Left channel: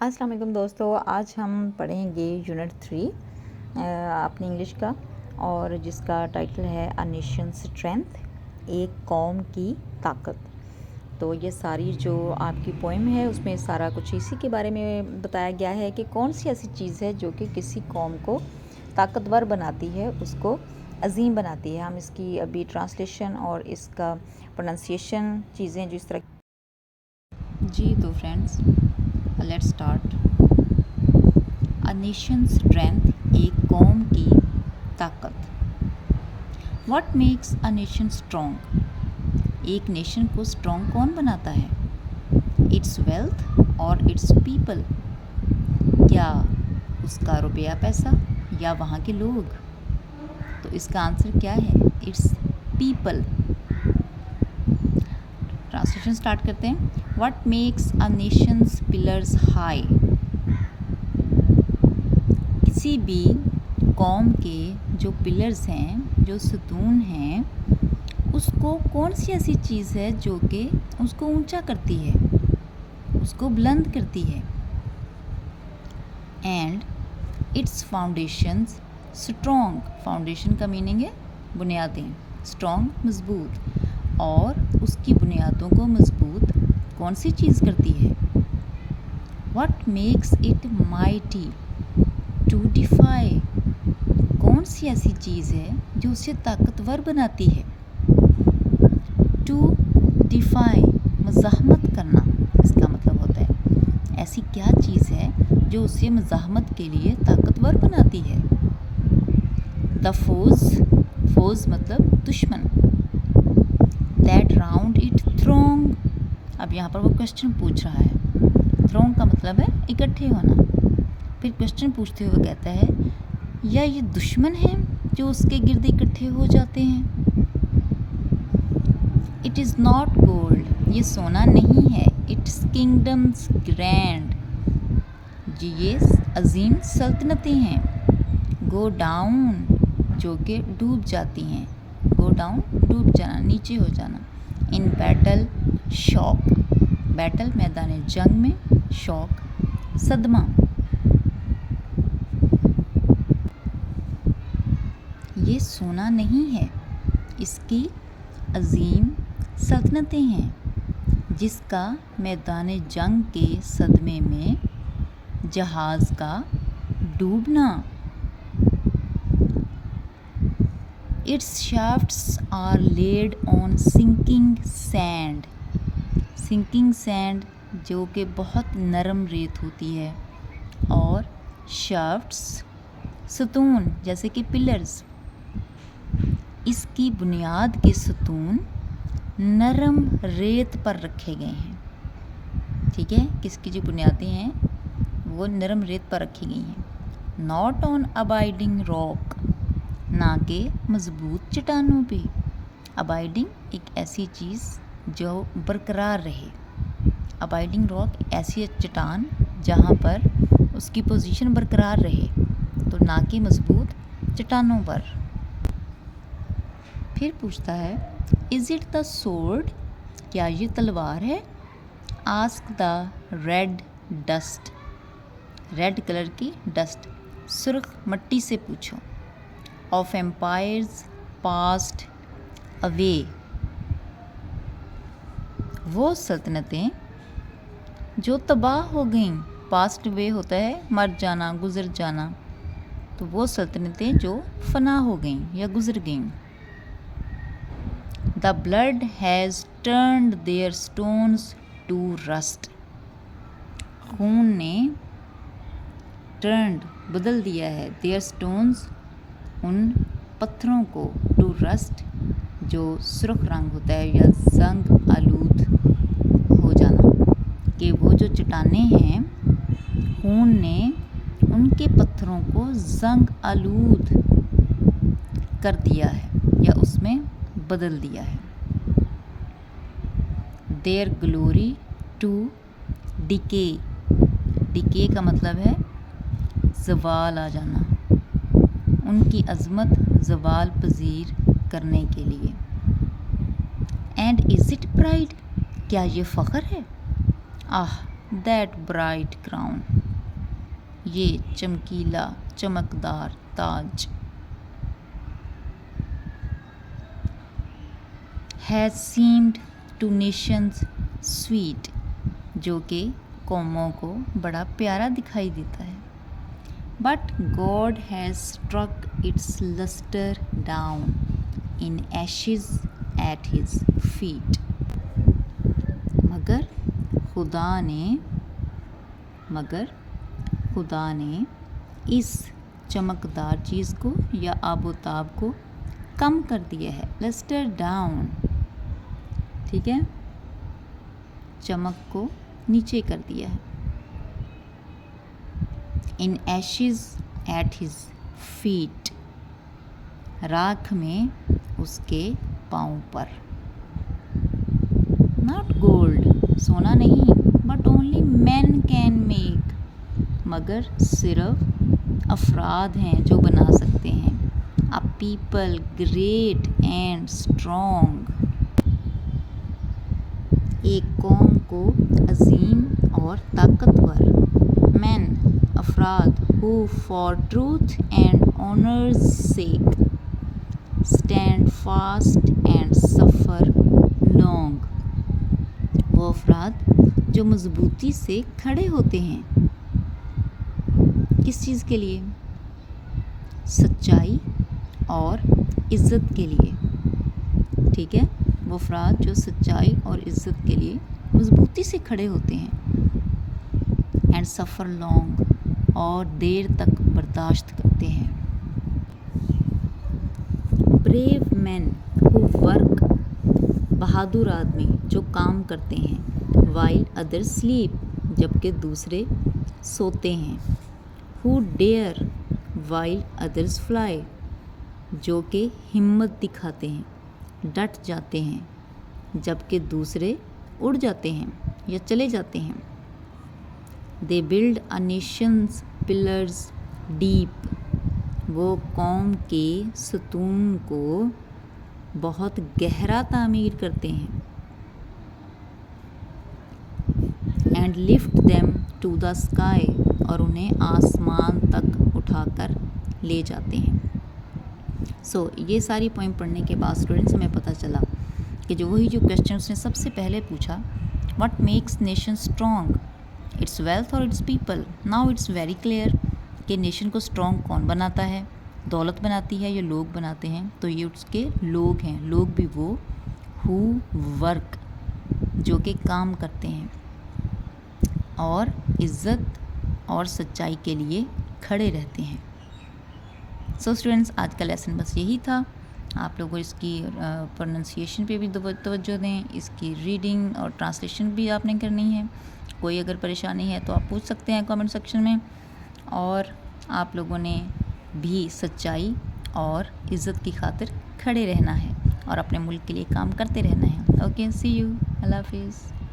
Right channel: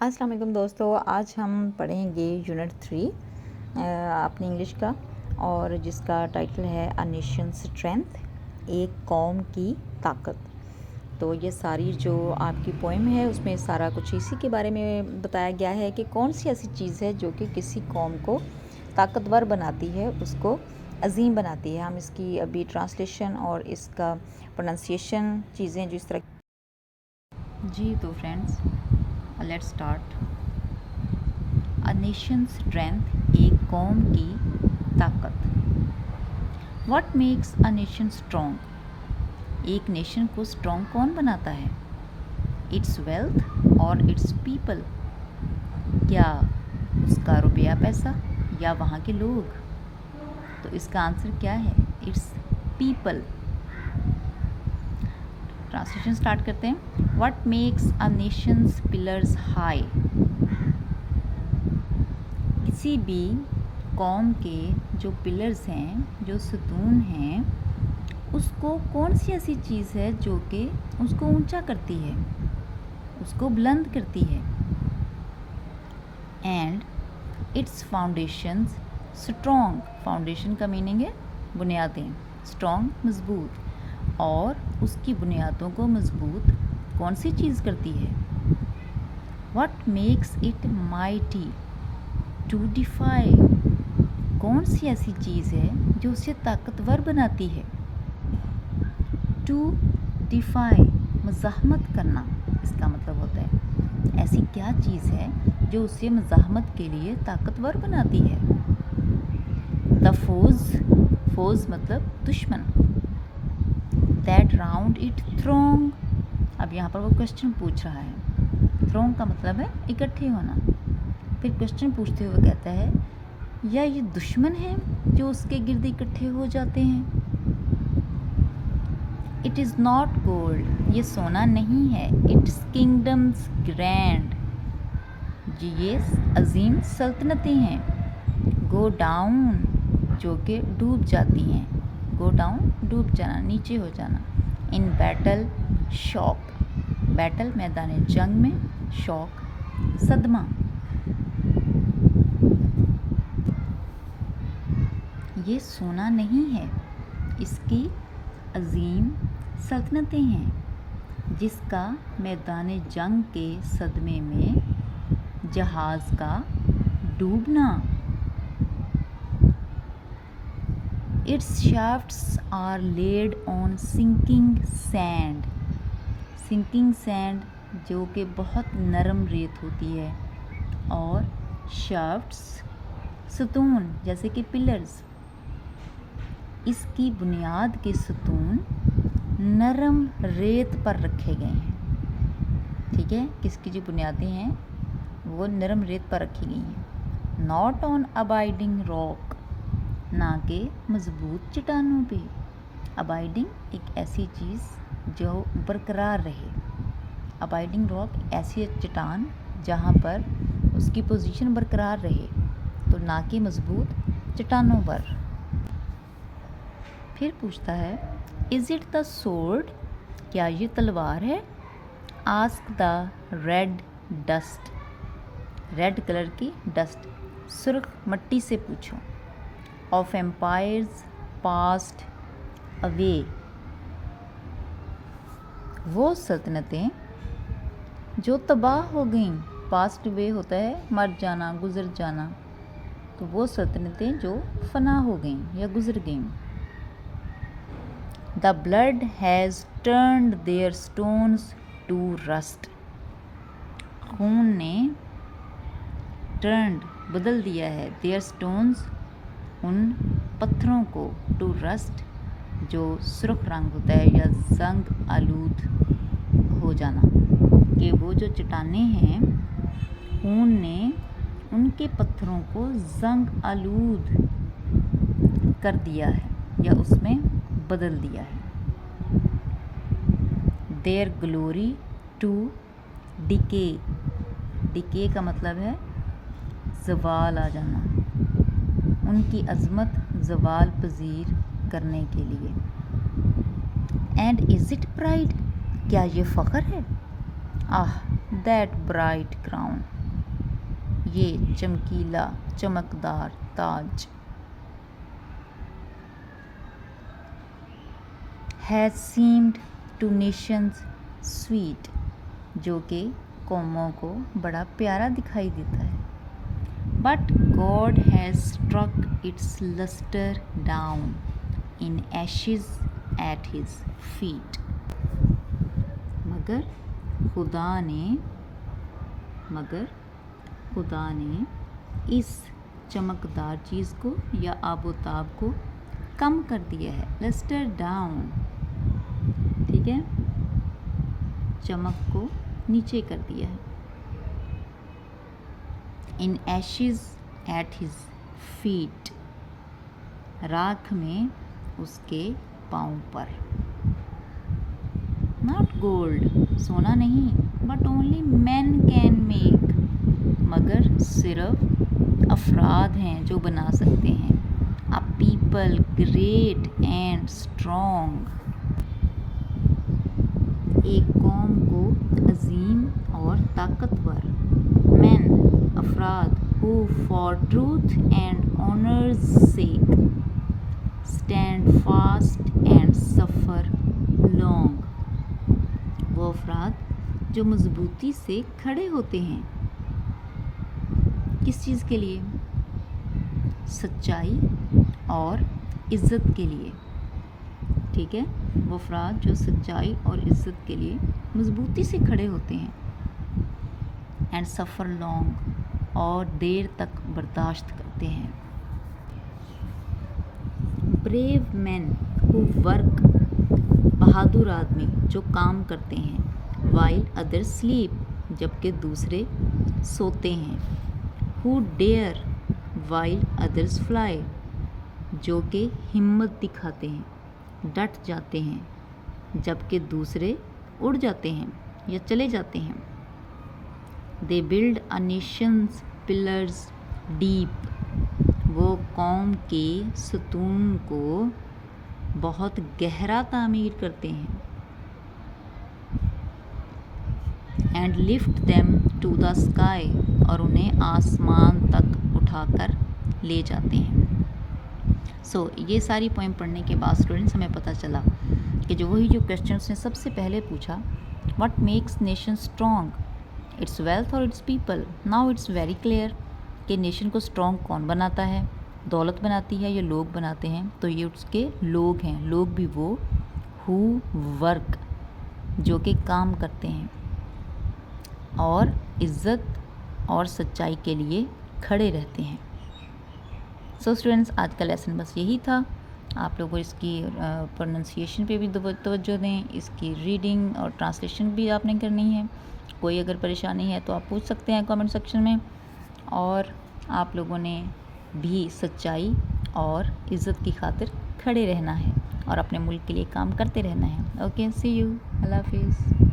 अस्सलाम वालेकुम दोस्तों, आज हम पढ़ेंगे यूनिट 3 अपनी इंग्लिश का, और जिसका टाइटल है अ नेशन स्ट्रेंथ, एक कौम की ताकत। तो ये सारी जो आपकी पोएम है उसमें सारा कुछ इसी के बारे में बताया गया है कि कौन सी ऐसी चीज़ है जो कि किसी कौम को ताकतवर बनाती है, उसको अजीम बनाती है। हम इसकी अभी ट्रांसलेशन और इसका प्रोनाउंसिएशन चीज़ें जिस तरह जी। तो friends, let's start. A nation strength, एक कौम की ताकत। What makes a nation strong, एक नेशन को स्ट्रॉन्ग कौन बनाता है? इट्स वेल्थ और इट्स पीपल, क्या उसका रुपया पैसा या वहाँ के लोग? तो इसका आंसर क्या है? It's people. ट्रांसलेशन स्टार्ट करते हैं। What makes a Nations pillars high, किसी भी कौम के जो पिलर्स हैं, जो सतून हैं, उसको कौन सी ऐसी चीज़ है जो कि उसको ऊंचा करती है, उसको बुलंद करती है? And it's foundations strong, foundation का मीनिंग है बुनियादें, स्ट्रॉन्ग मजबूत, और उसकी बुनियादों को मजबूत कौन सी चीज़ करती है? What makes it mighty to defy, कौन सी ऐसी चीज़ है जो उसे ताकतवर बनाती है? टू डिफाई, मज़ाहमत करना, इसका मतलब होता है ऐसी क्या चीज़ है जो उसे मज़ाहमत के लिए ताकतवर बनाती है? द फोज, फोज मतलब दुश्मन। दैट राउंड इट थ्रोंग, अब यहाँ पर वो क्वेश्चन पूछ रहा है। थ्रोंग का मतलब है इकट्ठे होना। फिर क्वेश्चन पूछते हुए कहता है, या ये दुश्मन है जो उसके गिर्द इकट्ठे हो जाते हैं? इट इज़ नॉट गोल्ड, ये सोना नहीं है। इट्स किंगडम्स ग्रैंड, जी ये अजीम सल्तनतें हैं। गो डाउन, जो कि डूब जाती हैं। गो डाउन, डूब जाना, नीचे हो जाना। इन बैटल शॉक, बैटल मैदान जंग में, शॉक सदमा। ये सोना नहीं है, इसकी अजीम सल्तनतें हैं, जिसका मैदान जंग के सदमे में जहाज़ का डूबना। Its shafts are laid on sinking sand, sinking sand जो कि बहुत नरम रेत होती है, और शाफ्ट्स सतून जैसे कि पिलर्स, इसकी बुनियाद के सतून नरम रेत पर रखे गए हैं। ठीक है, किसकी जो बुनियादें हैं वो नरम रेत पर रखी गई हैं। नॉट ऑन अबाइडिंग रॉक, ना के मजबूत चट्टानों पे। अबाइडिंग एक ऐसी चीज़ जो बरकरार रहे। अबाइडिंग रॉक एक ऐसी चट्टान जहाँ पर उसकी पोजीशन बरकरार रहे, तो ना कि मजबूत चट्टानों पर। फिर पूछता है, इज़ इट द सोर्ड, क्या ये तलवार है? Ask the red dust, red colour की डस्ट, सुर्ख मट्टी से पूछो। ऑफ एम्पायर्स पास्ट अवे, वो सल्तनतें जो तबाह हो गईं, पास्ट अवे होता है मर जाना, गुज़र जाना, तो वो सल्तनतें जो फना हो गईं या गुज़र गईं। The blood has turned their stones to rust, खून ने turned बदल दिया है their stones, उन पत्थरों को, to rust जो सुर्ख रंग होता है या जंग आलूद हो जाना, कि वो जो चट्टानें हैं खून ने उनके पत्थरों को जंग आलूद कर दिया है या उसमें बदल दिया है। Their glory to decay, decay का मतलब है ज़वाल आ जाना, उनकी अज़मत ज़वाल पजीर करने के लिए। एंड इज़ इट प्राइड, क्या ये फ़ख्र है? आह, दैट ब्राइट क्राउन, ये चमकीला चमकदार ताज। Has seemed to nations sweet, जो कि कौमों को बड़ा प्यारा दिखाई देता है। But God has struck its lustre down in ashes at his feet, मगर खुदा ने इस चमकदार चीज़ को या आबोताब को कम कर दिया है। लस्टर डाउन, ठीक है, चमक को नीचे कर दिया है। In ashes at his feet, राख में उसके पाँव पर। नॉट गोल्ड, सोना नहीं, but only man can make, मगर सिर्फ अफराद हैं जो बना सकते हैं। A people great and strong, एक कौम को अजीम और ताकतवर। मैन, अफराद, who for truth and honour's sake stand fast and suffer long, वो अफराद जो मजबूती से खड़े होते हैं। किस चीज़ के लिए? सच्चाई और इज़्ज़त के लिए, ठीक है, वो अफराद जो सच्चाई और इज़्ज़त के लिए मजबूती से खड़े होते हैं। एंड सफ़र लॉन्ग, और देर तक बर्दाश्त करते हैं। ब्रेव मैन हु वर्क, बहादुर आदमी जो काम करते हैं। वाइल अदर स्लीप, जबकि दूसरे सोते हैं। Who dare while others fly, जो कि हिम्मत दिखाते हैं, डट जाते हैं, जबकि दूसरे उड़ जाते हैं या चले जाते हैं। They build a Nations pillars deep, वो कौम के सतून को बहुत गहरा तामीर करते हैं। And lift them to the sky, और उन्हें आसमान तक उठाकर ले जाते हैं। सो ये सारी पोएम पढ़ने के बाद स्टूडेंट्स हमें पता चला कि जो क्वेश्चन उसने सबसे पहले पूछा, what makes nation strong, its wealth और its people. Now its very clear कि नेशन को स्ट्रॉन्ग कौन बनाता है, दौलत बनाती है या लोग बनाते हैं? तो ये उसके लोग हैं। लोग भी वो हु वर्क, जो कि काम करते हैं और इज़्ज़त और सच्चाई के लिए खड़े रहते हैं। सो स्टूडेंट्स, आज का लेसन बस यही था। आप लोगों को इसकी प्रोनंसिएशन पे भी तवज्जो दें, इसकी रीडिंग और ट्रांसलेशन भी आपने करनी है। कोई अगर परेशानी है तो आप पूछ सकते हैं कमेंट सेक्शन में। और आप लोगों ने भी सच्चाई और इज़्ज़त की खातिर खड़े रहना है और अपने मुल्क के लिए काम करते रहना है। ओके, सी यू, अल्लाह हाफिज़।